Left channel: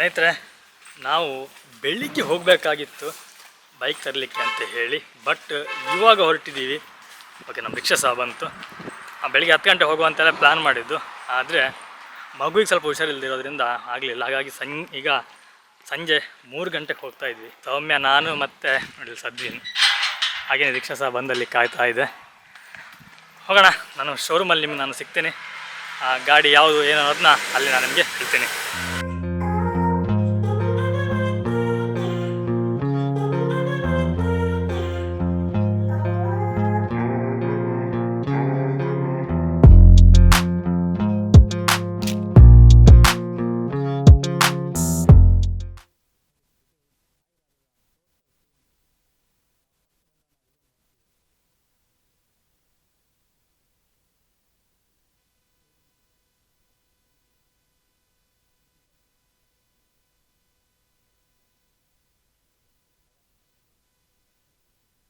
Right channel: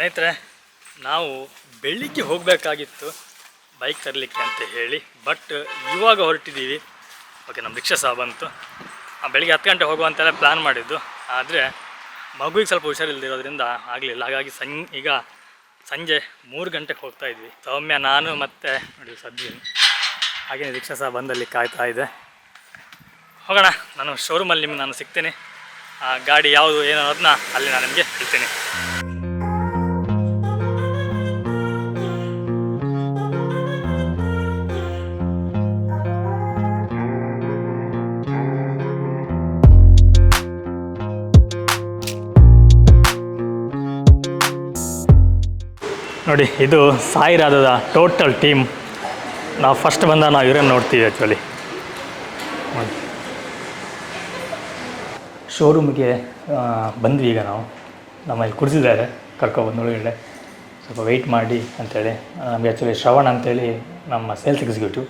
ಸ್ನೇಹಿತರೆ, ನಾವು ಬೆಳಿಗ್ಗೆ ಹೋಗಬೇಕಾಗಿತ್ತು ಬೈಕ್ ತರಲಿಕ್ಕೆ ಅಂತ ಹೇಳಿ, ಬಟ್ ಇವಾಗ ಹೊರಟಿದ್ದೀವಿ. ಓಕೆ, ನಮ್ಮ ರಿಕ್ಷಾ ಸಹ ಬಂತು. ಬೆಳಿಗ್ಗೆ 10 ಗಂಟೆ ಹೋಗುವಂತೆಲ್ಲ ಪ್ಲ್ಯಾನ್ ಮಾಡಿದ್ದು, ಆದರೆ ಮಗುವಿಗೆ ಸ್ವಲ್ಪ ಹುಷಾರಿಲ್ಲದಿರೋದ್ರಿಂದ ಆಗಲಿಲ್ಲ. ಹಾಗಾಗಿ ಈಗ ಸಂಜೆ 3 ಗಂಟೆಗೆ ಹೋಗ್ತಾ ಇದ್ವಿ. ಸೌಮ್ಯ, ನಾನು ಮತ್ತು ನೋಡಿ ಸದ್ದಿನಿ, ಹಾಗೇನೆ ರಿಕ್ಷಾ ಸಹ ಬಂದಲ್ಲಿ ಕಾಯ್ತಾ ಇದೆ. ಹೋಗೋಣ. ನಾನು ಶೋರೂಮಲ್ಲಿ ನಿಮ್ಗೆ ನಾನು ಸಿಗ್ತೀನಿ. ಗಾಡಿ ಯಾವುದು ಏನೋ ಅದನ್ನ ಅಲ್ಲಿ ನಾನು ನಿಮಗೆ ಹೇಳ್ತೀನಿ. ನೋಡಿ, ಇದು ಸಾಯಿ ರಾಧದ ಟೋಟಲ್ ಟೀಮ್. ನಾವು ಫಸ್ಟ್ ಬಂದಾಗ ನಾವು ಇವರನ್ನು ನೋಡ್ತೀವಿ. ಆ್ಯಕ್ಚುಲಿ ಶೋರೂಮಿಗೆ ಬಂದ್ವಿ. ಈಗ ನಮ್ಮಲ್ಲಿ ಕುಡಿಸಿದ್ದಾರೆ, ಕರ್ಕೊಬಂದು ಒಳಗಡೆ ಸ್ವಲ್ಪ ವೆಯ್ಟ್ ಮಾಡಿ ಅಂಥೇಳಿ. ನಮಗೆ ಆ್ಯಕ್ಚುಲಿ ಶ್ರವಣ್ ಅಂಥೇಳಿ ನಮ್ಮ ಸೇಲ್ಸ್ ಎಕ್ಸಿಕ್ಯೂಟಿವ್,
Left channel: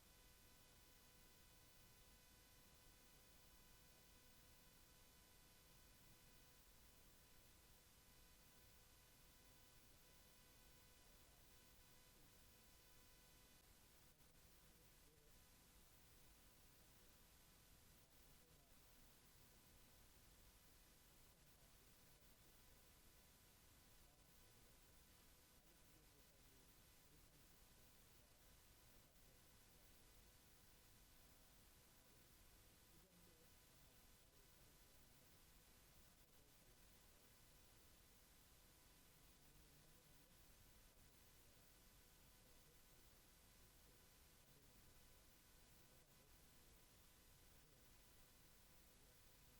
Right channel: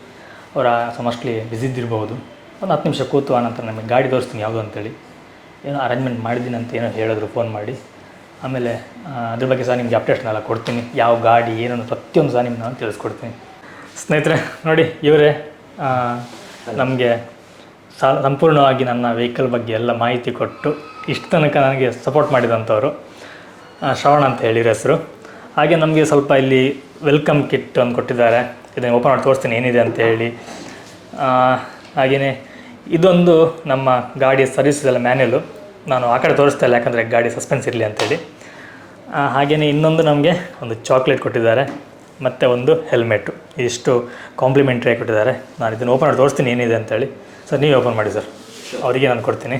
ಅವರ ಮೋಸ್ಟ್ಲಿ ಬ್ಯುಸಿದ್ದಿರ್ಬೋದು. ಒಂದು 10 ನಿಮಿಷ ಕೂತು ಆನಂತರ ನಮಗೆ ಗಾಡಿ ತೋರಿಸ್ತೀನಿ ಯಾವುದು ಅಂತೇಳಿ ಏನೋ ಅರೇಂಜ್ಮೆಂಟ್ ಮಾಡಿದ್ದೀನಿ ಅಂತ ಏನೋ ಹೇಳಿದ್ರು ಫೋನ್ ಮಾಡಿ. ಆಮೇಲೆ ಅದ್ರ ಬಗ್ಗೆ ಸಹ ನಿಮಗೆ ಅಪ್ಡೇಟ್ನೆಲ್ಲ ಕೊಡ್ತೀನಿ, ಯಾವ ಗಾಡಿ ಏನನ್ನು ಪ್ರತಿಯೊಂದು ಸಹ ನಿಮ್ಗೆ ನಾನು ತಿಳಿಸ್ಕೊಡ್ತೀನಿ. ಸ್ನೇಹಿತರೆ ನೋಡಿ, ಇವರೇ ನಮಗೆ ಸಂಪೂರ್ಣವಾಗಿ ನನ್ನ ವೆಹಿಕಲ್ ಬಗ್ಗೆ ಎಲ್ಲ ಮಾಹಿತಿ ಕೊಟ್ಟು ಇಷ್ಟು ತನಕ ನನಗೆ ಸಪೋರ್ಟ್ ಮಾಡಿದಂಥವ್ರು ಶ್ರವಣ ಅಂತ ಹೇಳಿರ ಹೆಸರು. ಹಾಗೆ ನಮಗೆ ಸ್ವಲ್ಪ ಇಲ್ಲಿ ವೆಲ್ಕಮ್ ಕಿಟ್ ಒಂದು ಕೊಟ್ಟಿದ್ದಾರೆ. ಇದನ್ನು ಓಪನ್ ಮಾಡಿ ತೋರಿಸ್ತೀನಿ ಏನಿದೆ ಅಂತ ಹೇಳಿ. ಹಾಗೆಯೇ ಇದೊಂದು ನಮ್ಮ ಗಾಡಿಯ ಸರ್ವಿಸೆಲ್ಲ ಮ್ಯಾನ್ಯಲು. ನಾನು ಆ ಕಡೆ ತೋರಿಸ್ತಾ ಇಲ್ಲ, ಯಾಕಂದರೆ ಗಾಡಿ ಸಸ್ಪೆನ್ಸ್ ಇರಲಿ ಅಂತೇಳಿ. ಹಾಗೆಯೇ ಇನ್ನೊಂದು ನಮಗೆ ಒಂದು ಚಾಕ್ಲೇಟ್ ಕೊಟ್ಟಿದ್ದಾರೆ ಮತ್ತು ಒಂದು ಹೆಲ್ಮೆಟ್ಟು. ಇಷ್ಟು ಕಾಂಪ್ಲಿಮೆಂಟ್ರಿ ಕೊಟ್ಟಿದ್ದಾರೆ. ನಾನು ಇದನ್ನು ಓಪನ್ ಮಾಡಿ ತೋರಿಸ್ತೀನಿ ಏನಿದೆ ಅಂತೇಳಿ. ಸರ್, ನೀವೇ ಓಪನ್ ಮಾಡಿ ಸರ್, ಅವರಿಗೆ ನಾನು ಕೊಡ್ತೀನಿ.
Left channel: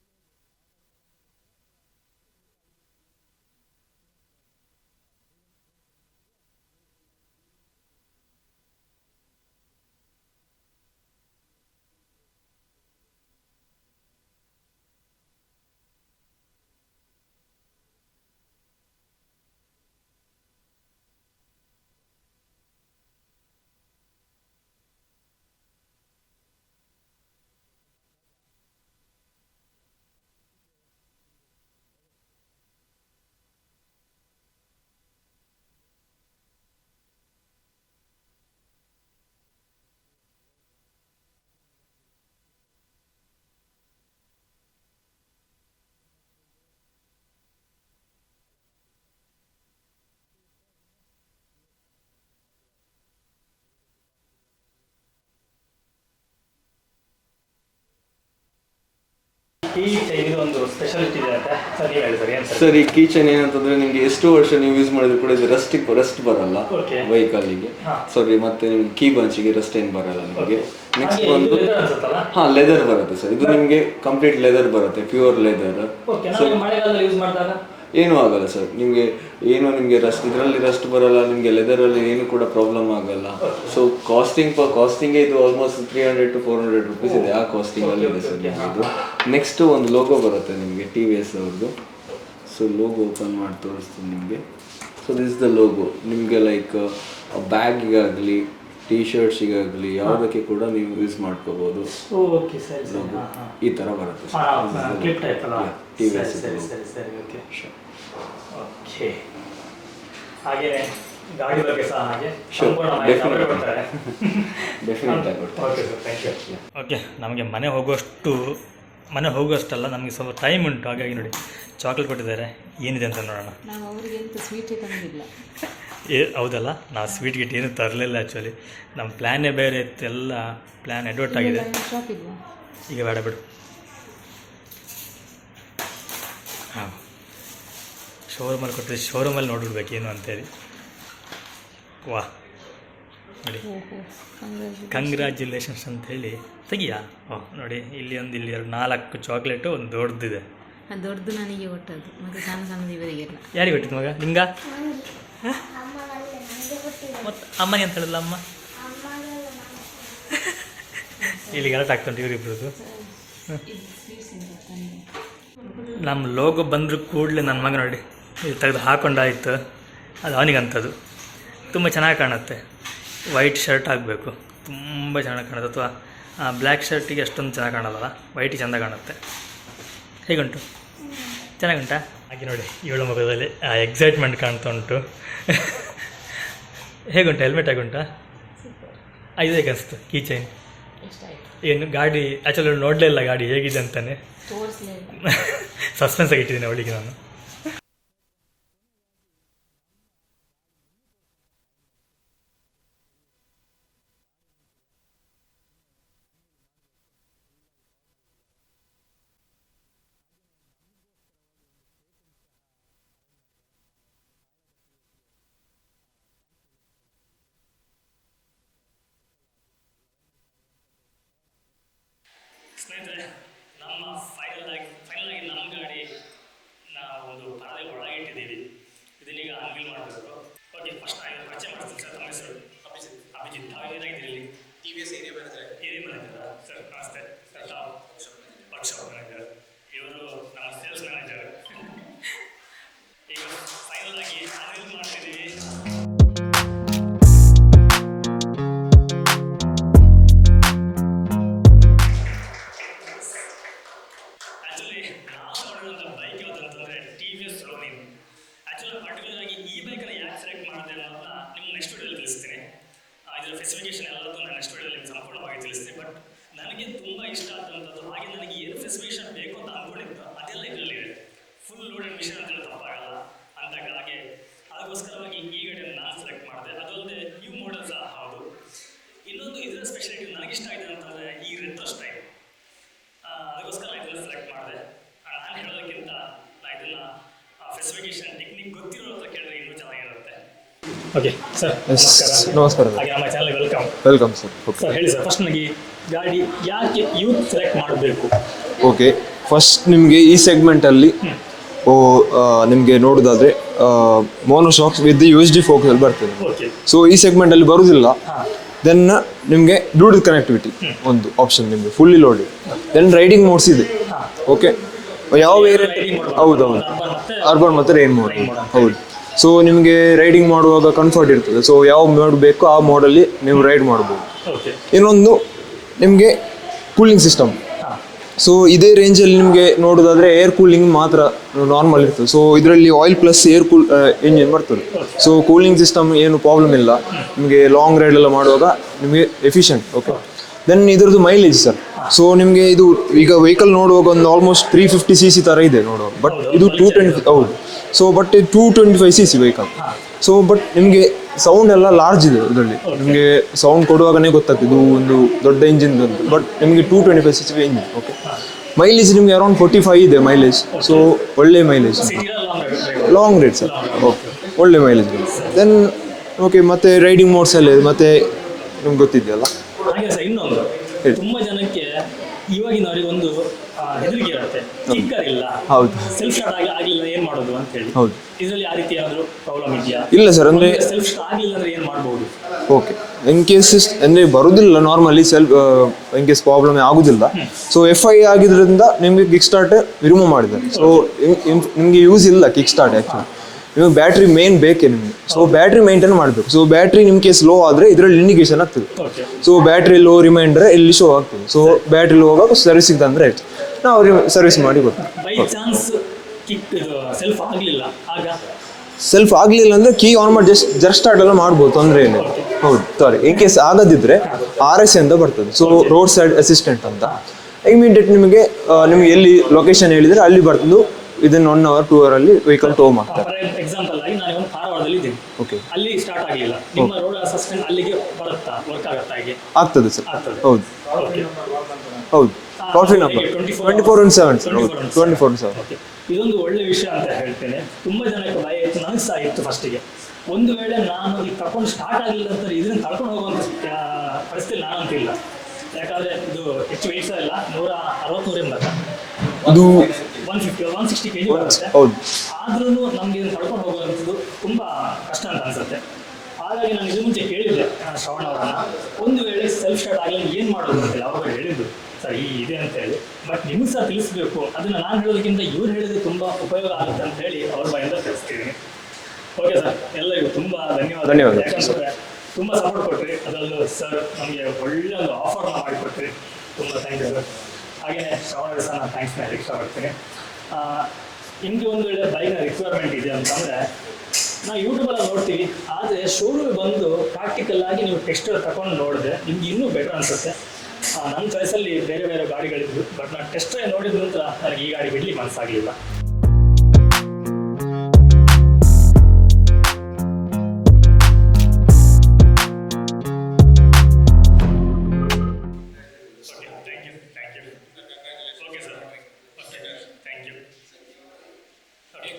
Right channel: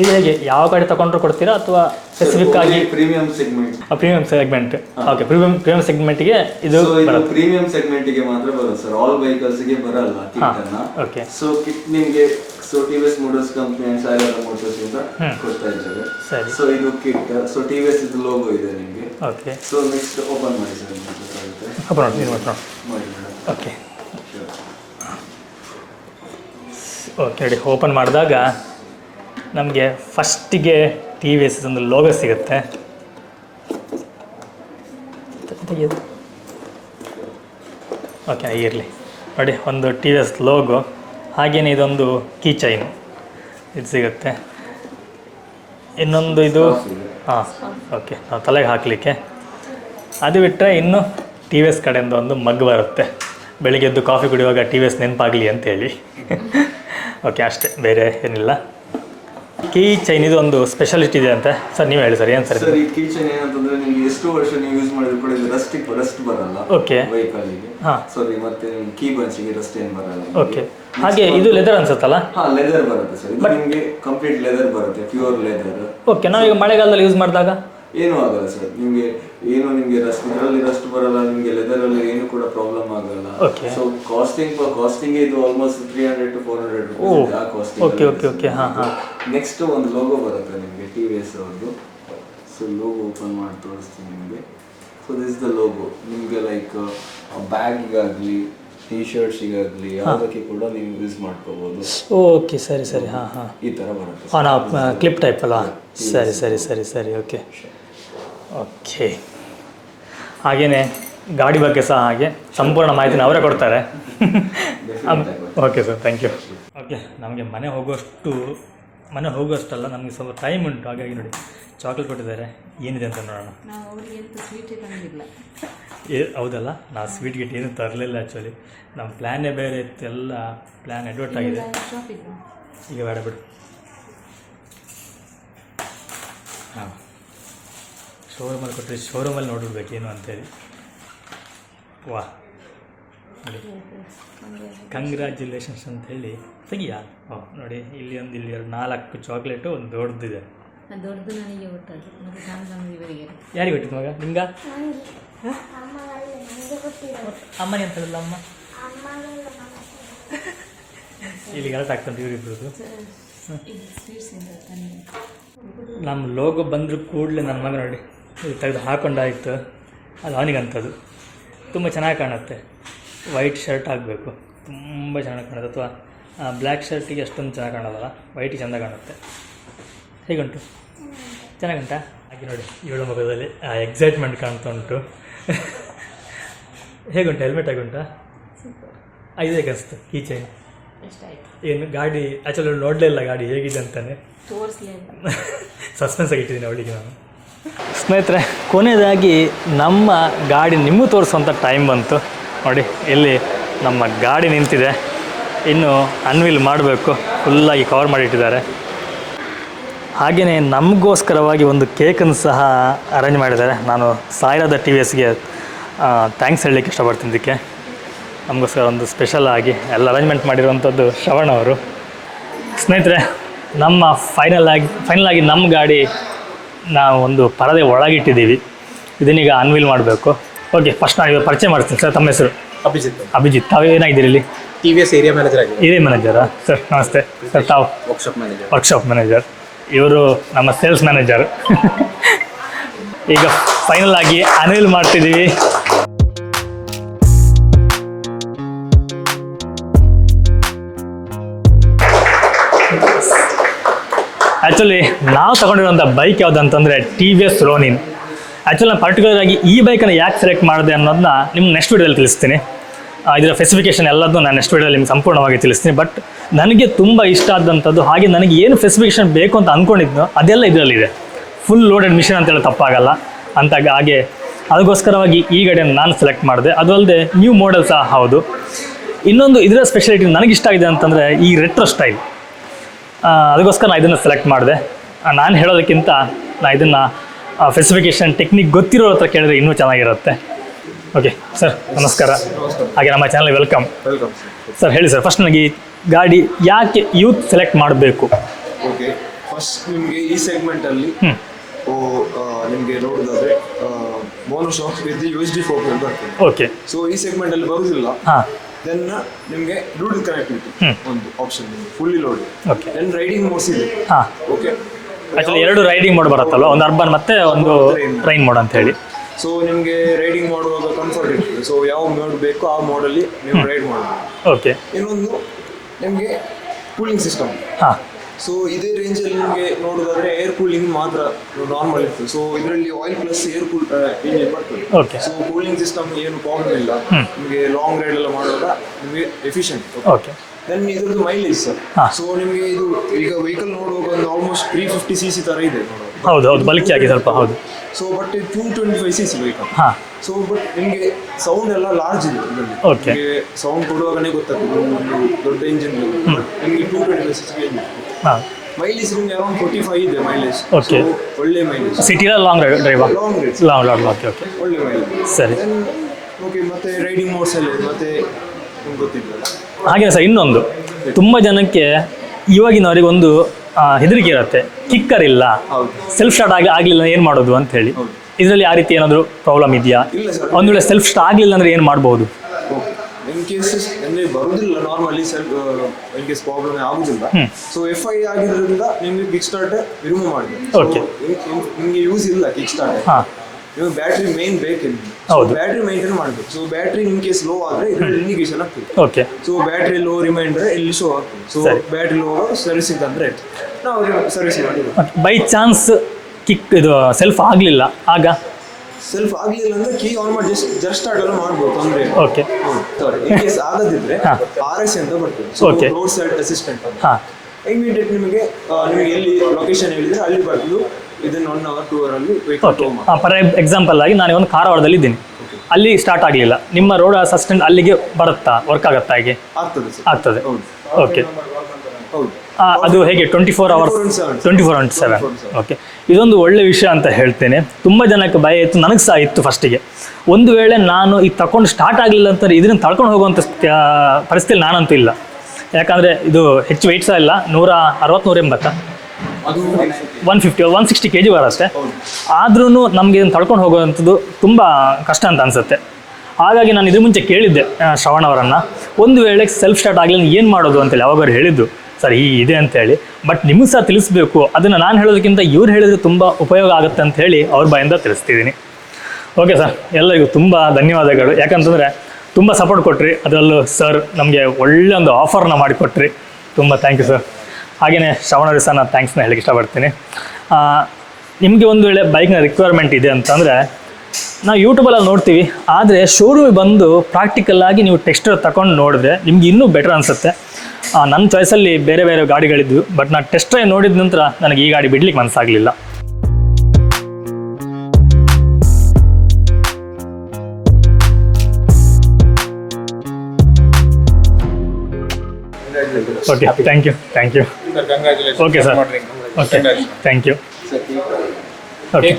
ಇದು ಹೇಗೆ, ಯಾವ ಗಾಡಿ ತೊಗೊಂಡ್ರು ಕೊಡ್ತೀರಾ ಅಥವಾ ಸ್ಪೆಸಿಫಿಕ್ ಆಗಿ premium segment? Premium segment. Okay, premium ಸೆಗ್ಮೆಂಟ್ಗೆ ಇದು ಪ್ರೀಮಿಯಂ ಸೆಗ್ಮೆಂಟ್ಗೆ ಮಾತ್ರ ಬರುತ್ತೆ ಸರ್, ಆಲ್ ವೆಹಿಕಲ್ಸ್ಗೆ ಬರಲ್ಲ ಕಿಟ್ ಅನ್ನ. ಓಕೆ, ಸೊ ಕಿಟ್ ನಿಮಗೆ TVS motors company and Sai Radha motors ಇಂದ ಕೊಡ್ತಾ ಇದ್ದಾರೆ. ಸರಿ, ಸೊ ಇದು ಕಿಟ್. ಸೊ TVS ಇದು ಲೋಗೋ ಇದೆ ನಿಮಗೆ. ಓಕೆ, ಸೊ ನೆಕ್ಸ್ಟ್ ಓಪನ್ ಮಾಡಿ ಸರ್. ಓಪನ್ ಮಾಡಿ, ನೀವು ಓಪನ್ ಮಾಡಿ. ಓಕೆ ಓಕೆ, ನೋಡಿ, ಓಪನ್ ಮಾಡಿದಾಗ ನಮಗೆ ಫಸ್ಟಿಗೆ TVS ಒಂದು ಲೋಗೋ ಸಿಗುತ್ತೆ. ಓಕೆ, ಇರಲಿ. ನೋಡಿ, ಒಂದು TVS ಲೋಗೋ. ಹಾಗೆಯೇ ಇದೊಂದು ಕೀ ಚೈನು ಇದು ಸಿಗುತ್ತೆ. ಇನ್ನೊಂದು ಇದು ಓಕೆ, ನಾವು ತಲೆಗೆ ಹಾಕಲಿಕ್ಕೆ. ಅದು ಬಿಟ್ಟರೆ ಇನ್ನು TVS ಕಡೆಯಿಂದ ಒಂದು ಮಗ್ ಬರುತ್ತೆ. ಬೆಳಿಗ್ಗೆ ಎದ್ದು ಕಾಫಿ ಕುಡಿಯುವಾಗ TVS ನೆನಪಾಗಲಿ ಅಂತೇಳಿ. ಓಕೆ, ಅಷ್ಟೇ, ಬೇರೆ ಏನಿಲ್ಲ. ಕೀ ಚೈನ್ ಇದು ಒಂದು ಸ್ಪೆಷಾಲಿಟಿ ಇದೆ ಅಂತ ಸರ್, ನೀವು ಹೇಳಿ ಸರ್. ಏನು ಸರ್ ಈ ಕೀ ಚೈನ್ ಏನಂತಂದ್ರೆ ನಿಮ್ಗೆ ಎಷ್ಟು ವರ್ಷ ನೀವು ಯೂಸ್ ಮಾಡಿದ್ರು ಕೂಡ ಇದು ರಸ್ಟ್ ಬರಲ್ಲ. ಓಕೆ, ವೆಹಿಕಲ್ಗೆ. ಸಾರಿ, ಮತ್ತೆ ನಿಮ್ಗೆ ಕೀ ಬಂಚಿಗೆ ರಸ್ಟ್ ಏನು ಬರಲ್ಲ. ಓಕೆ, ಹಾಗೆ ಇದು ಲೆದರ್ ಅನ್ಸುತ್ತಲ್ಲ? ಲೆದರ್ ಬರುತ್ತೆ ಸರ್. ಇದು ನಿಮಗೆ ಕಂಪ್ಲೀಟ್ ಲೆದರ್ ಬರುತ್ತೆ, ಪ್ಯೂರ್ ಲೆದರ್. ಓಕೆ, ನಾವೀಗ ಮಳೆಗಾಲದಲ್ಲಿ ಯೂಸ್ ಮಾಡಿದಾಗ ಏನೂ ಆಗಲ್ಲ ಸರ್. ನಿಮಗೆ ಇದರಲ್ಲಿ ರಸ್ಟ್ ಬರಲ್ಲ, ನಿಮಗೆ ಲೆದರ್ ಅಲ್ಲಿ ಏನು ಕೂಡ ಪ್ರಾಬ್ಲಮ್ ಆಗಲ್ಲ. ಸೊ ಕಾಸ್ಟಿಂಗ್ ಇದು ಆಲ್ಮೋಸ್ಟ್ 300 to 400 ರೂಪೀಸ್ ಇದೆ ಆ casting. Okay okay okay. Next ಒಂದು ಲೋಗೋ ಬರುತ್ತೆ ನಿಮಗೆ TVS ಅವ್ರದ್ದು. ಸೊ ಲೋಗೋ ಓಪನ್ ಮಾಡಿ ತೋರಿಸ್ತೀನಿ ನಿಮಗೆ. So this the logo. ನಿಮಗೆ ಲೈಕ್ ಬ್ಯಾಗಿಗಾಗಲಿ T-shirtsಗಾಗಲಿ ಯಾವುದಕ್ಕೆ ಕೂಡ ನೀವು ಯೂಸ್ ಮಾಡ್ಕೋಬಹುದು. ಓಕೆ, ಸರಿ ಸರಿ. ಈ ಥರ ಬರುತ್ತೆ, ಕ್ಲಿಪ್ ಟೈಪ್ ಅಲ್ಲ? ಸರಿ ಸರಿ ಸರಿ ಸರಿ. Okay okay. ಹಾಗೆಯೇ ಗಾಡಿ ಬಗ್ಗೆ ಸಹ ಹಾಗೆ ಸಂಪೂರ್ಣ ಮಾಹಿತಿನ ಅವರೇ ಕೊಡ್ತಾರೆ. Okay sir, thank you. Okay, ನಮಗೆ ಮನೆ ಹೋಗುವಷ್ಟಲ್ಲ, ನಮಗೆ ಸ್ವಲ್ಪ ಟೈಮ್ ಉಂಟು. ಹಾಗಾಗಿ ನೋಡಿ, ಚಾಕ್ಲೇಟ್ ಕೊಟ್ಟಿದ್ದಾರೆ. ಏನಿದೆ ಅಂತ ನೋಡೋಣ. ಹೌದಲ್ಲ, ನಾವು ಸ್ವೀಟ್ ಗಿಟ್ ಏನೂ ತರಲಿಲ್ಲ. ಆ್ಯಕ್ಚುಲಿ ನಮ್ಮ ಪ್ಲ್ಯಾನೇ ಬೇರೆ ಇತ್ತು, ಎಲ್ಲ ಪ್ಲ್ಯಾನ್ ಎಡ್ವರ್ಟ್ ಆಗಿದೆ. ಈಗ ಬೇಡ ಬಿಡು. ಹಾಂ, ಶೋರೂಮಲ್ಲಿ ಕೊಟ್ಟಿದ್ದೆ, ಶೋರೂಮಲ್ಲಿ ನೋಡಿಬಿಡ್ಬೇಕು ಏನು ಅಂತೇಳಿ. ವಾ, ನೋಡಿ, ಕಂಗ್ರ್ಯಾಚುಲೇಷನ್ಸ್ ಅಂಥೇಳಿ ತೆಗಿಯಾ. ನೋಡಿ, ಇಲ್ಲಿ 4 ಚಾಕ್ಲೇಟು ಒಂದು ದೊಡ್ಡದಿದೆ. ದೊಡ್ಡದು ನನಗೆ ಕೊಟ್ಟದ್ದು, ಯಾರಿಗೆ ಕೊಟ್ಟಿದ್ದು ಮಗ? ನಿಂಗ? ಮತ್ತು ಅಮ್ಮನಿಗೆ ಅಂತ ಹೇಳಿಲ್ಲ ಅಮ್ಮ. ಇಲ್ಲಿ ಗಲಾಟೆ ಆಗ್ತುಂಟು ಇವರಿಬ್ರದ್ದು. ನಮ್ಮ ಲೋಗೋ ಬಂದರೂ ಕೂಡಲೇ ನನ್ನ ಮಗ ನೋಡಿ ಇದು ತೆಗೆದು ಹಾಕೊಂಡಾಯಿತು. ಅದು ಅವನಿಗಂಥದ್ದು ತುಂಬ ಚೆನ್ನಾಗಿ ಕಾಣುತ್ತೆ. ವೈಟ್ ಶರ್ಟ್ ಆಗಬೇಕು, ತುಂಬ ಚೆನ್ನಾಗಿ ಕಾಣುತ್ತೆ. ಅಥವಾ ಬ್ಲ್ಯಾಕ್ ಶರ್ಟಿಗೆ ಅಷ್ಟೊಂದು ಚೆನ್ನಾಗಿ ಕಾಣಲ್ಲ, ವೈಟಿಗೆ ಚೆಂದ ಕಾಣುತ್ತೆ. ಹೇಗುಂಟು? ಚೆನ್ನಾಗುಂಟಾ? ಹಾಗೆ ನೋಡಿ ಇವಳ ಮುಖದಲ್ಲಿ ಎಕ್ಸೈಟ್ಮೆಂಟ್ ಕಾಣ್ತಾ ಉಂಟು. ಹೇಗುಂಟು? ಹೆಲ್ಮೆಟ್ ಹೇಗುಂಟಾ? ಇದು ಹೇಗೆ ಅನಿಸ್ತು ಕೀ ಚೈನ್? ಏನು ಗಾಡಿ ಆ್ಯಕ್ಚುಲಿ ನೋಡಲೇ ಇಲ್ಲ ಗಾಡಿ ಹೇಗಿದೆ ಅಂತಾನೆ, ಸಸ್ಪೆನ್ಸ್ ಆಗಿ ಇಟ್ಟಿದ್ದೀನಿ ಅವಳಿಗೆ ನಾನು. ಸ್ನೇಹಿತರೆ, ಕೊನೆಯದಾಗಿ ನಮ್ಮ ಗಾಡಿ ನಿಮಗೂ ತೋರಿಸುವಂಥ ಟೈಮ್ ಬಂತು. ನೋಡಿ ಇಲ್ಲಿ ನಮ್ಮ ಗಾಡಿ ನಿಂತಿದೆ, ಇನ್ನು ಅನ್ವೀಲ್ ಮಾಡಬೇಕು, ಫುಲ್ಲಾಗಿ ಕವರ್ ಮಾಡಿಟ್ಟಿದ್ದಾರೆ. ಹಾಗೆಯೇ ನಮಗೋಸ್ಕರವಾಗಿ ಒಂದು ಕೇಕನ್ನು ಸಹ ಅರೇಂಜ್ ಮಾಡಿದ್ದಾರೆ. ನಾನು ಸಾಯಿ ರಾಧಾ TVSಗೆ ಥ್ಯಾಂಕ್ಸ್ ಹೇಳಲಿಕ್ಕೆ ಇಷ್ಟಪಡ್ತೀನಿ. ಇದಕ್ಕೆ ನಮಗೋಸ್ಕರ ಒಂದು ಸ್ಪೆಷಲ್ ಆಗಿ ಎಲ್ಲ ಅರೇಂಜ್ಮೆಂಟ್ ಮಾಡಿರುವಂಥದ್ದು ಶ್ರವಣ್ ಅವರು. ಸ್ನೇಹಿತರೆ, ನಮ್ಮ ಫೈನಲ್ ಆಗಿ ನಮ್ಮ ಗಾಡಿ ನಾವು ಒಂದು ಪರದೆ ಒಳಗಿಟ್ಟಿದ್ದೀವಿ. ಇದನ್ನೀಗ ಅನ್ವೀಲ್ ಮಾಡಬೇಕು. ಓಕೆ, ಫಸ್ಟ್ ನಾನು ಪರಿಚಯ ಮಾಡ್ತೀನಿ ಸರ್. ತಮ್ಮ ಹೆಸರು? ಅಭಿಜಿತ್. ತಾವು ಏನಾಗಿದ್ದೀರಿ ಇಲ್ಲಿ? TVS ಏರಿಯಾ ಮ್ಯಾನೇಜರ್ ಆಗಿದೆ. ಏರಿಯಾ ಮ್ಯಾನೇಜರಾ ಸರ್? ನಮಸ್ತೆ ಸರ್. ತಾವು? Workshop manager. ಇವರು ನಮ್ಮ ಸೇಲ್ಸ್ ಮ್ಯಾನೇಜರ್. ಈಗ ಫೈನಲ್ ಆಗಿ ಅನ್ವೀಲ್ ಮಾಡ್ತಿದ್ದೀವಿ. ಆ್ಯಕ್ಚುಲಿ ನಾವು ತಗೊಂಡಿರೋಂಥ ಬೈಕ್ ಯಾವುದಂತಂದರೆ TVS ronin. ಆ್ಯಕ್ಚುಲಿ ನಾನು ಪರ್ಟಿಕ್ಯುಲರ್ ಆಗಿ ಈ ಬೈಕನ್ನು ಯಾಕೆ ಸೆಲೆಕ್ಟ್ ಮಾಡಿದೆ ಅನ್ನೋದನ್ನ ನಿಮ್ಗೆ ನೆಕ್ಸ್ಟ್ ವೀಡಿಯೋದಲ್ಲಿ ತಿಳಿಸ್ತೀನಿ. ಇದರ ಸ್ಪೆಸಿಫಿಕೇಷನ್ ಎಲ್ಲದೂ ನಾನು ನೆಕ್ಸ್ಟ್ ವೀಡಿಯೋದಲ್ಲಿ ನಿಮ್ಗೆ ಸಂಪೂರ್ಣವಾಗಿ ತಿಳಿಸ್ತೀನಿ. ಬಟ್ ನನಗೆ ತುಂಬ ಇಷ್ಟ ಆದಂಥದ್ದು, ಹಾಗೆ ನನಗೆ ಏನು ಸ್ಪೆಸಿಫಿಕೇಷನ್ ಬೇಕು ಅಂತ ಅಂದ್ಕೊಂಡಿದ್ನೋ ಅದೆಲ್ಲ ಇದರಲ್ಲಿದೆ. ಫುಲ್ ಲೋಡೆಡ್ ಮಿಷನ್ ಅಂತೇಳಿ ತಪ್ಪಾಗಲ್ಲ ಅಂತ. ಹಾಗೆ ಅದಕ್ಕೋಸ್ಕರವಾಗಿ ಈ ಗಾಡಿಯನ್ನು ನಾನು ಸೆಲೆಕ್ಟ್ ಮಾಡಿದೆ. ಅದು ಅಲ್ಲದೆ ನ್ಯೂ ಮಾಡೆಲ್ ಸಹ ಹೌದು. ಇನ್ನೊಂದು ಇದರ ಸ್ಪೆಷಾಲಿಟಿ ನನಗಿಷ್ಟ ಆಗಿದೆ ಅಂತಂದರೆ ಈ ರೆಟ್ರೋ ಸ್ಟೈಲ್. ಅದಕ್ಕೋಸ್ಕರ ನಾನು ಇದನ್ನು ಸೆಲೆಕ್ಟ್ ಮಾಡಿದೆ. ನಾನು ಹೇಳೋದಕ್ಕಿಂತ ನಾನು ಇದನ್ನು ಸ್ಪೆಸಿಫಿಕೇಷನ್ ಟೆಕ್ನಿಕ್ ಗೊತ್ತಿರೋ ಹತ್ರ ಕೇಳಿದ್ರೆ ಇನ್ನೂ ಚೆನ್ನಾಗಿರುತ್ತೆ. ಓಕೆ ಸರ್, ನಮಸ್ಕಾರ. ಹಾಗೆ ನಮ್ಮ ಚಾನಲ್ ವೆಲ್ಕಮ್ ಸರ್. ಹೇಳಿ ಸರ್, ಫಸ್ಟ್ ನನಗೆ ಗಾಡಿ ಯಾಕೆ ಯೂತ್ ಸೆಲೆಕ್ಟ್ ಮಾಡಬೇಕು? ಓಕೆ, ಫಸ್ಟ್ ನಿಮಗೆ ಈ ಸೆಗ್ಮೆಂಟಲ್ಲಿ ನಿಮಗೆ ನೋಡೋದಾದ್ರೆ ಮೋನೋಶಾಕ್ಸ್ ವಿತ್ USD ಫೋಕಸ್ ಬರ್ತದೆ. ಓಕೆ, ಸೊ ಈ ಸೆಗ್ಮೆಂಟಲ್ಲಿ ಬರುವುದಿಲ್ಲ. ಹಾಂ, ದೆನ್ ನಿಮಗೆ ಬ್ಲೂಟೂತ್ ಕನೆಕ್ಟಿವಿಟಿ ಒಂದು ಆಪ್ಷನ್ ನಿಮಗೆ fully loaded. Then riding modes ಇದೆ. ಹಾಂ, ಓಕೆ. ಎರಡು ರೈಡಿಂಗ್ ಮೋಡ್ ಬರುತ್ತಲ್ಲ, ಒಂದು ಅರ್ಬನ್ ಮತ್ತೆ ಟ್ರೈನ್ ಮೋಡ್ ಅಂತ ಹೇಳಿ. ಸೊ ನಿಮಗೆ ರೈಡಿಂಗ್ ಮಾಡುವಾಗ ಕಂಫರ್ಟ್ ಇರ್ತದೆ. ಸೊ ಯಾವ ಮೋಡ್ ಬೇಕೋ ಆ ಮೋಡಲ್ಲಿ ನೀವು ರೈಡ್ ಮಾಡ್ಬೋದು. ಓಕೆ. ಇನ್ನೊಂದು ನಿಮಗೆ ಕೂಲಿಂಗ್ ಸಿಸ್ಟಮ್. ಹಾಂ, ಸೊ ಇದೇ ರೇಂಜಲ್ಲಿ ನಿಮಗೆ ನೋಡೋದಾದ್ರೆ ಏರ್ ಕೂಲಿಂಗ್ ಮಾತ್ರ ನಾರ್ಮಲ್ ಇರ್ತದೆ. ಸೊ ಇದರಲ್ಲಿ ಆಯಿಲ್ ಪ್ಲಸ್ ಏರ್ ಇಂಜಿನ್ ಬರ್ತದೆ. ಸೊ ಕೂಲಿಂಗ್ ಸಿಸ್ಟಮ್ ಏನು ಪ್ರಾಬ್ಲಮ್ ಇಲ್ಲ. ನಿಮಗೆ ಲಾಂಗ್ ರೈಡ್ ಎಲ್ಲ ಮಾಡುವಾಗ ನಿಮಗೆ ಎಫಿಷಿಯಂಟ್. ಓಕೆ. ದೆನ್ ಇದರದ್ದು ಮೈಲೇಜ್ ಸರ್. ಸೊ ನಿಮಗೆ ಇದು ಈಗ ವೆಹಿಕಲ್ ನೋಡುವಾಗ ಒಂದು ಆಲ್ಮೋಸ್ಟ್ 350cc ತರ ಇದೆ ನೋಡುವಾಗ. So but 225cc vehicle. So but ನಿಮಗೆ ಸೌಂಡ್ ಎಲ್ಲ ಲಾರ್ಜ್ ಇದೆ ಇದರಲ್ಲಿ. ನಿಮಗೆ ಸೌಂಡ್ ಕೊಡುವಾಗನೇ ಗೊತ್ತಾಗ್ತದೆ ಇದು ಒಂದು ದೊಡ್ಡ ಇಂಜಿನ್. ಬಟ್ ನಿಮಗೆ 225cc ಇಂಜಿನ್. ಓಕೆ. ಮೈಲೇಜ್ ನಿಮಗೆ ಅರೌಂಡ್ 45 ಇದೆ ಮೈಲೇಜ್. ಸೊ ಒಳ್ಳೆ ಮೈಲೇಜ್. ಲಾಂಗ್ ರೈಡ್ ಒಳ್ಳೆ ಮೈಲೇಜ್. ದೆನ್ ಓಕೆ, ಮತ್ತೆ ರೈಡಿಂಗ್ ಮೋಡ್ಸ್ ಎಲ್ಲ ಇದೆ. ಮತ್ತೆ ನಿಮ್ಗೆ ಗೊತ್ತಿದೆಯಲ್ಲ. ಹಾಗೆ ಸರ್, ಇನ್ನೊಂದು ತುಂಬ ಜನಕ್ಕೆ ಇವಾಗಿನವರಿಗೆ ಒಂದು ಹೆದರಿಕೆ ಇರುತ್ತೆ, ಕಿಕ್ಕರ್ ಇಲ್ಲ, ಸೆಲ್ಫ್ ಸ್ಟಾರ್ಟ್ ಆಗಲಿಲ್ಲ ಏನು ಮಾಡೋದು ಅಂತ ಹೇಳಿ. ಇದರಲ್ಲಿ ಆ ರೀತಿ ಏನಾದರೂ ಪ್ರಾಬ್ಲಮ್ ಇದೆಯಾ? ಇಲ್ಲ ಸರ್, ಒಂದು ಸೆಲ್ಫ್ ಸ್ಟಾರ್ಟ್ ಆಗಲಿಲ್ಲ ಅಂದ್ರೆ ಏನು ಮಾಡ್ಬೋದು? ಓಕೆ, ಇನ್ ಕೇಸ್ ಅಂದರೆ ಬರುವುದಿಲ್ಲ normally self in case problem ಆಗುದಿಲ್ಲ. ಸೊ FI ಆಗಿದ್ರಿಂದ ನಿಮಗೆ ಕಿಕ್ ಸ್ಟಾರ್ಟ್ ರಿಮೂವ್ ಮಾಡಿದೆ. ಸೊ ನಿಮಗೆ ಯೂಸ್ ಇಲ್ಲ ಕಿಕ್ ಸ್ಟಾರ್ಟ್. ನಿಮಗೆ ಬ್ಯಾಟ್ರಿ ಮೇನ್ ಬೇಕೇ ನಿಮಗೆ. ಸೊ ಬ್ಯಾಟ್ರಿ ಮೇಂಟೈನ್ ಮಾಡಬೇಕು. ಸೊ ಬ್ಯಾಟ್ರಿ ನಿಮ್ ಕೇಸ್ ಲೋ ಆದ್ರೆ ಇದರಲ್ಲಿ ಇಂಡಿಕೇಶನ್ ಆಗ್ತದೆ. Okay. So battery low reminder ಇಲ್ಲಿ ಶೋ ಆಗ್ತದೆ. ಸೊ ಬ್ಯಾಟ್ರಿ ಲೋ ಆಗುವಾಗ ಸರ್ವಿಸಿಂಗ್ ತಂದ್ರೆ ಆಯ್ತು, ನಾವು ಸರ್ವಿಸ್ ಮಾಡಿ ಕೊಡ್ತೀವಿ. ಬೈ ಚಾನ್ಸ್ ಕಿಕ್ ಇದು ಸೆಲ್ಫ್ ಆಗಲಿಲ್ಲ, ಆಗ ಸೆಲ್ಫ್ ಆಗಲಿಲ್ಲ ಅಂದ್ರೆ ಕೀ ಆನ್ ಮಾಡಿ ಜಸ್ಟ್ ಸ್ಟಾರ್ಟ್ ಎಲ್ಲ ಮಾಡ್ಬೋದು, ತೊಂದರೆ ಇಲ್ಲ. ಓಕೆ, ಹೌದು. ಸಾರಿ, ಇನ್ ಕೇಸ್ ಆಗದಿದ್ರೆ RS ಅಂತ ಬರ್ತದೆ. ಸೊ ರೋಡ್ ಸೈಡ್ ಅಸಿಸ್ಟೆಂಟ್ ಅಂತ. ಇಮಿಡಿಯೇಟ್ ನಿಮಗೆ ಎಲ್ಲಿ ಲೊಕೇಶನ್ ಹೇಳಿದ್ರೆ ಅಲ್ಲಿ ಬರ್ತದೆ. ಇದನ್ನ 1 hour 2 hour ಅಲ್ಲಿ ವೆಹಿಕಲ್ ಟೋ ಮಾಡಿ. ಫಾರ್ ಎಕ್ಸಾಂಪಲ್ ಆಗಿ ನಾನು ಒಂದು ಕಾರವಾರದಲ್ಲಿ ಇದ್ದೀನಿ, ಅಲ್ಲಿ ಸ್ಟಾರ್ಟ್ ಆಗಲಿಲ್ಲ, ನಿಮ್ಮ ರೋಡ್ ಅಸಿಸ್ಟೆಂಟ್ ಅಲ್ಲಿಗೆ ಬರುತ್ತಾ, ವರ್ಕ್ ಆಗುತ್ತಾ? ಹೇಗೆ ಆಗ್ತದೆ ಸರ್? ಆಗ್ತದೆ. ಹೌದು. ಓಕೆ, ಹೌದು. ಅದು ಹೇಗೆ 24/7? ಓಕೆ, ಇದೊಂದು ಒಳ್ಳೆ ವಿಷಯ ಅಂತ ಹೇಳ್ತೇನೆ. ತುಂಬ ಜನಕ್ಕೆ ಭಯ ಇತ್ತು, ನನಗೆ ಸಹ ಇತ್ತು ಫಸ್ಟಿಗೆ. ಒಂದು ವೇಳೆ ನಾನು ಇದು ತಗೊಂಡು ಸ್ಟಾರ್ಟ್ ಆಗಲಿಲ್ಲ ಅಂತಾರೆ ಇದನ್ನು ತಳ್ಕೊಂಡು ಹೋಗುವಂಥ ಪರಿಸ್ಥಿತಿ ನಾನಂತೂ ಇಲ್ಲ. ಯಾಕಂದರೆ ಇದು ಹೆಚ್ಚು ವೆಯ್ಟ್ ಸಹ ಇಲ್ಲ, 160-180 ಅದು 150-160 kg ಬರುತ್ತೆ. ಆದ್ರೂ ನಮಗೆ ಇದನ್ನು ತಳ್ಕೊಂಡು ಹೋಗುವಂಥದ್ದು ತುಂಬ ಕಷ್ಟ ಅಂತ ಅನಿಸುತ್ತೆ. ಹಾಗಾಗಿ ನಾನು ಇದ್ರ ಮುಂಚೆ ಕೇಳಿದ್ದೆ ಶ್ರವಣ್ ಅವರನ್ನು, ಒಂದು ವೇಳೆ ಸೆಲ್ಫ್ ಸ್ಟಾರ್ಟ್ ಆಗಲಿ ಏನು ಮಾಡೋದು ಅಂತೇಳಿ. ಯಾವಾಗಾರು ಹೇಳಿದ್ದು ಸರ್ ಈ ಇದೆ ಅಂತೇಳಿ. ಬಟ್ ನಿಮಗೂ ಸಹ ತಿಳಿಸ್ಬೇಕು, ಅದನ್ನು ನಾನು ಹೇಳೋದಕ್ಕಿಂತ ಇವ್ರು ಹೇಳಿದ್ರೆ ತುಂಬ ಉಪಯೋಗ ಆಗುತ್ತೆ ಅಂತ ಹೇಳಿ ಅವ್ರ ಬಾಯಿಂದ ತಿಳಿಸ್ತಿದ್ದೀನಿ. ಓಕೆ ಸರ್, ಎಲ್ಲರಿಗೂ ತುಂಬ ಧನ್ಯವಾದಗಳು. ಯಾಕಂತಂದರೆ ತುಂಬ ಸಪೋರ್ಟ್ ಕೊಟ್ರಿ, ಅದರಲ್ಲೂ ಸರ್ ನಮಗೆ ಒಳ್ಳೆ ಒಂದು ಆಫರ್ನ ಮಾಡಿಕೊಟ್ರಿ. ತುಂಬ ಥ್ಯಾಂಕ್ ಯು ಸರ್. ಹಾಗೆಯೇ ಶ್ರವಣವ್ರಿಗೆ ಸಹ ನಾನು ಥ್ಯಾಂಕ್ಸ್ನ ಹೇಳಕ್ಕೆ ಇಷ್ಟಪಡ್ತೀನಿ. ನಿಮಗೆ ಒಂದು ವೇಳೆ ಬೈಕ್ನ ರಿಕ್ವೈರ್ಮೆಂಟ್ ಇದೆ ಅಂತಂದರೆ ನಾವು ಯೂಟ್ಯೂಬಲ್ಲಿ ನೋಡ್ತೀವಿ, ಆದರೆ ಶೋರೂಮಿಗೆ ಬಂದು ಪ್ರಾಕ್ಟಿಕಲ್ ಆಗಿ ನೀವು ಟೆಕ್ಸ್ಟರ್ ತಗೊಂಡು ನೋಡಿದ್ರೆ ನಿಮ್ಗೆ ಇನ್ನೂ ಬೆಟರ್ ಅನಿಸುತ್ತೆ. ನನ್ನ ಚಾಯ್ಸಲ್ಲಿ ಬೇರೆ ಬೇರೆ ಗಾಡಿಗಳಿದ್ವು, ಬಟ್ ನಾನು ಟೆಸ್ಟ್ ಡ್ರೈವ್ ನೋಡಿದ ನಂತರ ನನಗೆ ಈ ಗಾಡಿ ಬಿಡ್ಲಿಕ್ಕೆ ಮನಸ್ಸಾಗಲಿಲ್ಲ. Okay, thank you. Okay sir, okay, thank you. Okay,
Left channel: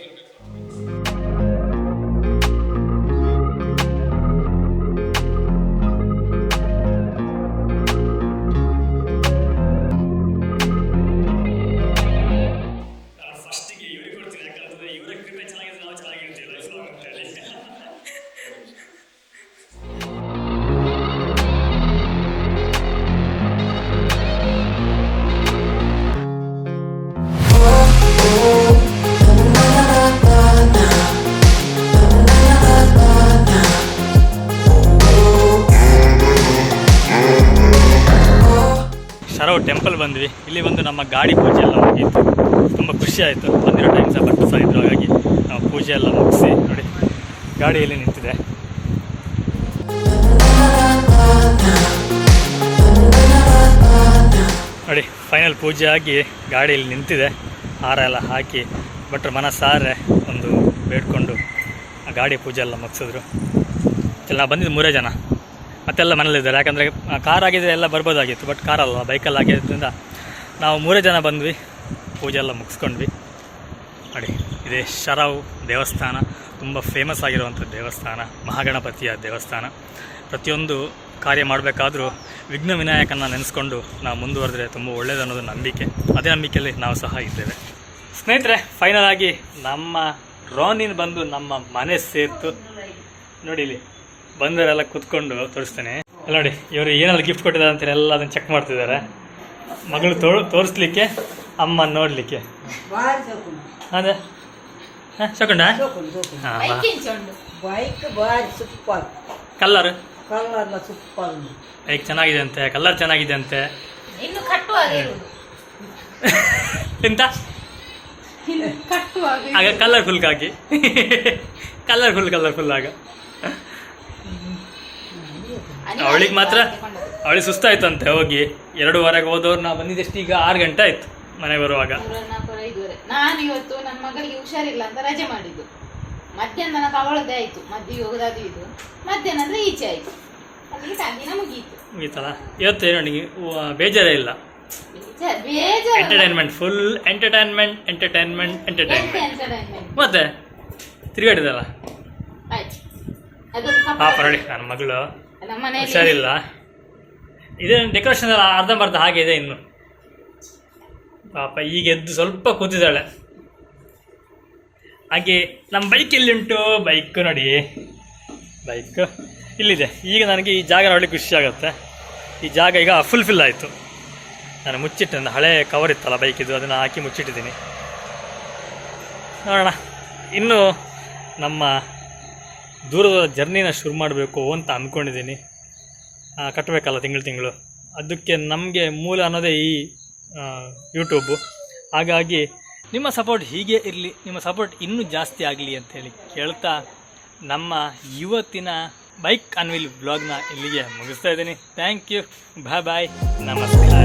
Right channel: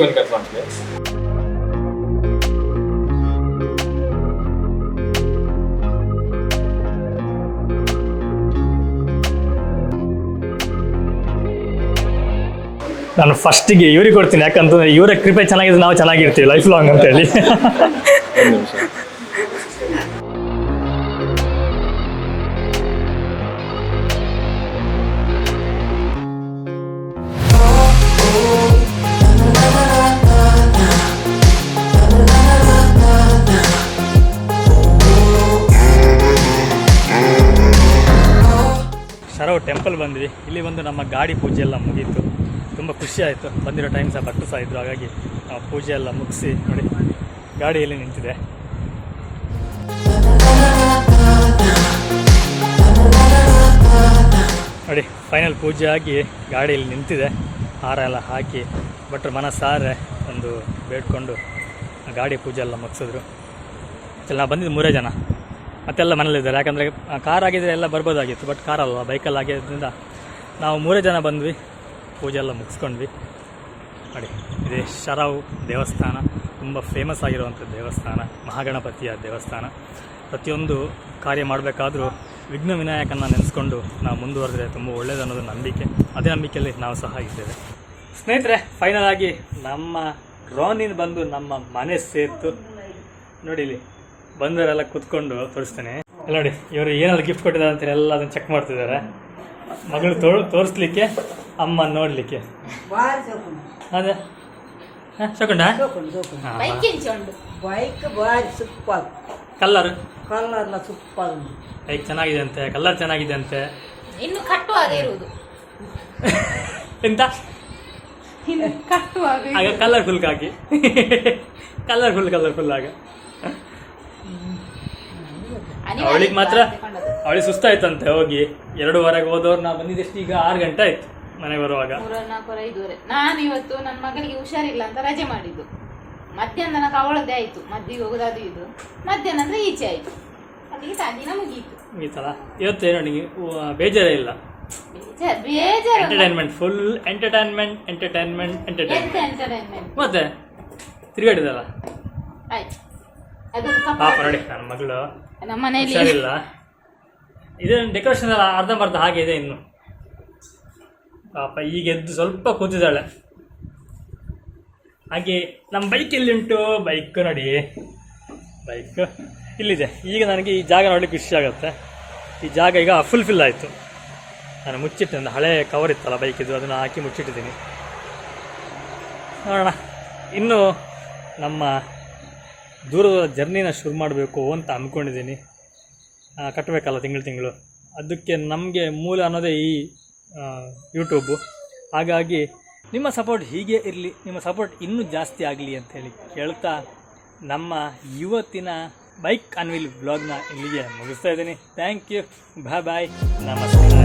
ನಾನು ಫಸ್ಟಿಗೆ ಇವ್ರಿಗೆ ಕೊಡ್ತೀನಿ, ಯಾಕಂತಂದರೆ ಇವರ ಕೃಪೆ ಚೆನ್ನಾಗಿದ್ರೆ ನಾವು ಚೆನ್ನಾಗಿರ್ತೀವಿ ಲೈಫ್ ಲಾಂಗ್ ಅಂತೇಳಿ. ಶರವ್ ಟೆಂಪಲ್ ಬಂದ್ವಿ. ಇಲ್ಲಿ ಬಂದು ನಮ್ಮ ಗಾಡಿ ಪೂಜೆ ಎಲ್ಲ ಮುಗಿಯಿತು. ತುಂಬ ಖುಷಿ ಆಯಿತು. ಬಂದಿರೋ ಟೈಮ್ ಸಹ ಭಟ್ರು ಸಹ ಇದ್ರು, ಹಾಗಾಗಿ ನಾವು ಪೂಜೆ ಎಲ್ಲ ಮುಗಿಸಿ ನೋಡಿ ಗಾಡಿಯಲ್ಲಿ ನಿಂತಿದೆ. ನೋಡಿ ಫೈನಲ್ ಪೂಜೆ ಆಗಿ ಗಾಡಿಯಲ್ಲಿ ನಿಂತಿದೆ. ಹಾರ ಎಲ್ಲ ಹಾಕಿ ಭಟ್ರು ಮನಸಾರೆ ಒಂದು ಬೇಡ್ಕೊಂಡು ಗಾಡಿ ಪೂಜೆ ಎಲ್ಲ ಮುಗಿಸಿದ್ರು. ನಾವು ಬಂದಿದ್ದು 3 ಜನ, ಮತ್ತೆಲ್ಲ ಮನೇಲಿದ್ದಾರೆ. ಯಾಕಂದರೆ ಕಾರ್ ಆಗಿದ್ದರೆ ಎಲ್ಲ ಬರ್ಬೋದಾಗಿತ್ತು, ಬಟ್ ಕಾರಲ್ಲ, ಬೈಕಲ್ಲಿ ಆಗಿದ್ದರಿಂದ ನಾವು 3 ಜನ ಬಂದ್ವಿ. ಪೂಜೆ ಎಲ್ಲ ಮುಗಿಸ್ಕೊಂಡ್ವಿ. ನೋಡಿ ಇದೇ ಶರವ್ ದೇವಸ್ಥಾನ, ತುಂಬ ಫೇಮಸ್ ಆಗಿರುವಂಥ ದೇವಸ್ಥಾನ, ಮಹಾಗಣಪತಿಯ ದೇವಸ್ಥಾನ. ಪ್ರತಿಯೊಂದು ಕಾರ್ಯ ಮಾಡಬೇಕಾದ್ರೂ ವಿಘ್ನ ವಿನಾಯಕನ ನೆನೆಸ್ಕೊಂಡು ನಾವು ಮುಂದುವರೆದ್ರೆ ತುಂಬ ಒಳ್ಳೆಯದು ಅನ್ನೋದು ನಂಬಿಕೆ. ಅದೇ ನಂಬಿಕೆಯಲ್ಲಿ ನಾವು ಸಹ ಇದ್ದೇವೆ. ಸ್ನೇಹಿತರೆ, ಫೈನಲ್ ಆಗಿ ನಮ್ಮ ರೋನಿನ್ ಬಂದು ನಮ್ಮ ಮನೆ ಸೇರ್ತು. ನೋಡಿ ಇಲ್ಲಿ ಬಂದವರೆಲ್ಲ ಕೂತ್ಕೊಂಡು ತೋರಿಸ್ತೇನೆ. ಎಲ್ಲ ನೋಡಿ ಇವರು ಏನಾದ್ರು ಗಿಫ್ಟ್ ಕೊಟ್ಟಿದ್ದಾರೆ ಅಂತೇಳಿ ಎಲ್ಲ ಅದನ್ನು ಚೆಕ್ ಮಾಡ್ತಿದ್ದಾರೆ. ಮಗಳು ತೋರಿಸ್ಲಿಕ್ಕೆ, ಅಮ್ಮ ನೋಡಲಿಕ್ಕೆ. ಅದೇ ಚಕೊಂಡ ಕಲ್ಲರ್ ಬೈಕ್ ಚೆನ್ನಾಗಿದೆ ಅಂತೆ, ಕಲರ್ ಚೆನ್ನಾಗಿದೆ ಅಂತೆ. ಎಂತ ಆಗ ಕಲರ್ಫುಲ್ ಹಾಕಿ ಕಲರ್ಫುಲ್ ಆಗ ಅವಳಿಗೆ ಮಾತ್ರ ಅವಳಿಗೆ ಸುಸ್ತಾಯ್ತಂತೆ ಹೋಗಿ. 2:15 ಹೋದವ್ರು ನಾವು ಬಂದಿದ್ದಷ್ಟು ಈಗ 6 ಗಂಟೆ ಆಯ್ತು ಮನೆಗೆ ಬರುವಾಗ. 4:45 ನಾನು ಇವತ್ತು ನನ್ನ ಮಗಳಿಗೆ ಹುಷಾರಿಲ್ಲ ಅಂತ ರಜೆ ಮಾಡಿದ್ದು. ಮಧ್ಯಾಹ್ನ ತನಕ ಅವಳದ್ದೇ ಆಯ್ತು, ಮದ್ದಿಗೆ ಹೋಗೋದಾದ್ರು ಇದು ಮಧ್ಯಾಹ್ನ ಅಂದ್ರೆ ಈಚೆ ಆಯ್ತು, ಅಲ್ಲಿಗೆ ದಿನ ಮುಗೀತಲ್ಲ. ಇವತ್ತೇನು ನನಗೆ ಬೇಜಾರೇ ಇಲ್ಲ. ಎಂಟರ್ಟೈನ್ಮೆಂಟ್, ಫುಲ್ ಎಂಟರ್ಟೈನ್ಮೆಂಟ್ ಮತ್ತೆ ತಿರುಗಾಡಿದಲ್ಲ. ಪಾಪ ನೋಡಿ ನನ್ನ ಮಗಳು ಹುಷಾರಿಲ್ಲ. ಇದೇ ಡೆಕೋರೇಷನ್ ಎಲ್ಲ ಅರ್ಧಂಬರ್ಧ ಹಾಗೆ ಇದೆ ಇನ್ನು. ಪಾಪ ಈಗ ಎದ್ದು ಸ್ವಲ್ಪ ಕೂತಿದ್ದಾಳೆ. ಹಾಗೆ ನಮ್ಮ ಬೈಕ್ ಎಲ್ಲಿಂಟು? ಬೈಕ್ ನೋಡಿ, ಬೈಕ್ ಇಲ್ಲಿದೆ. ಈಗ ನನಗೆ ಈ ಜಾಗ ನೋಡಲಿಕ್ಕೆ ಖುಷಿ ಆಗುತ್ತೆ. ಈ ಜಾಗ ಈಗ ಫುಲ್ಫಿಲ್ ಆಯಿತು. ನಾನು ಮುಚ್ಚಿಟ್ಟೆ, ಒಂದು ಹಳೆ ಕವರ್ ಇತ್ತಲ್ಲ ಬೈಕಿದ್ದು, ಅದನ್ನು ಹಾಕಿ ಮುಚ್ಚಿಟ್ಟಿದ್ದೀನಿ. ನೋಡೋಣ, ಇನ್ನು ನಮ್ಮ ದೂರದ ಜರ್ನಿನ ಶುರು ಮಾಡಬೇಕು ಅಂತ ಅಂದ್ಕೊಂಡಿದ್ದೀನಿ. ಕಟ್ಟಬೇಕಲ್ಲ ತಿಂಗಳು. ಅದಕ್ಕೆ ನಮಗೆ ಮೂಲ ಅನ್ನೋದೇ ಈ ಯೂಟ್ಯೂಬು. ಹಾಗಾಗಿ ನಿಮ್ಮ ಸಪೋರ್ಟ್ ಹೀಗೆ ಇರಲಿ, ನಿಮ್ಮ ಸಪೋರ್ಟ್ ಇನ್ನೂ ಜಾಸ್ತಿ ಆಗಲಿ ಅಂತೇಳಿ ಕೇಳ್ತಾ ನಮ್ಮ ಇವತ್ತಿನ ಬೈಕ್ ಅನ್ವೀಲ್ ವ್ಲಾಗ್ನ ಇಲ್ಲಿಗೆ ಮುಗಿಸ್ತಾ ಇದ್ದೀನಿ. ಥ್ಯಾಂಕ್ ಯು, ಬಾಯ್, ನಮಸ್ಕಾರ.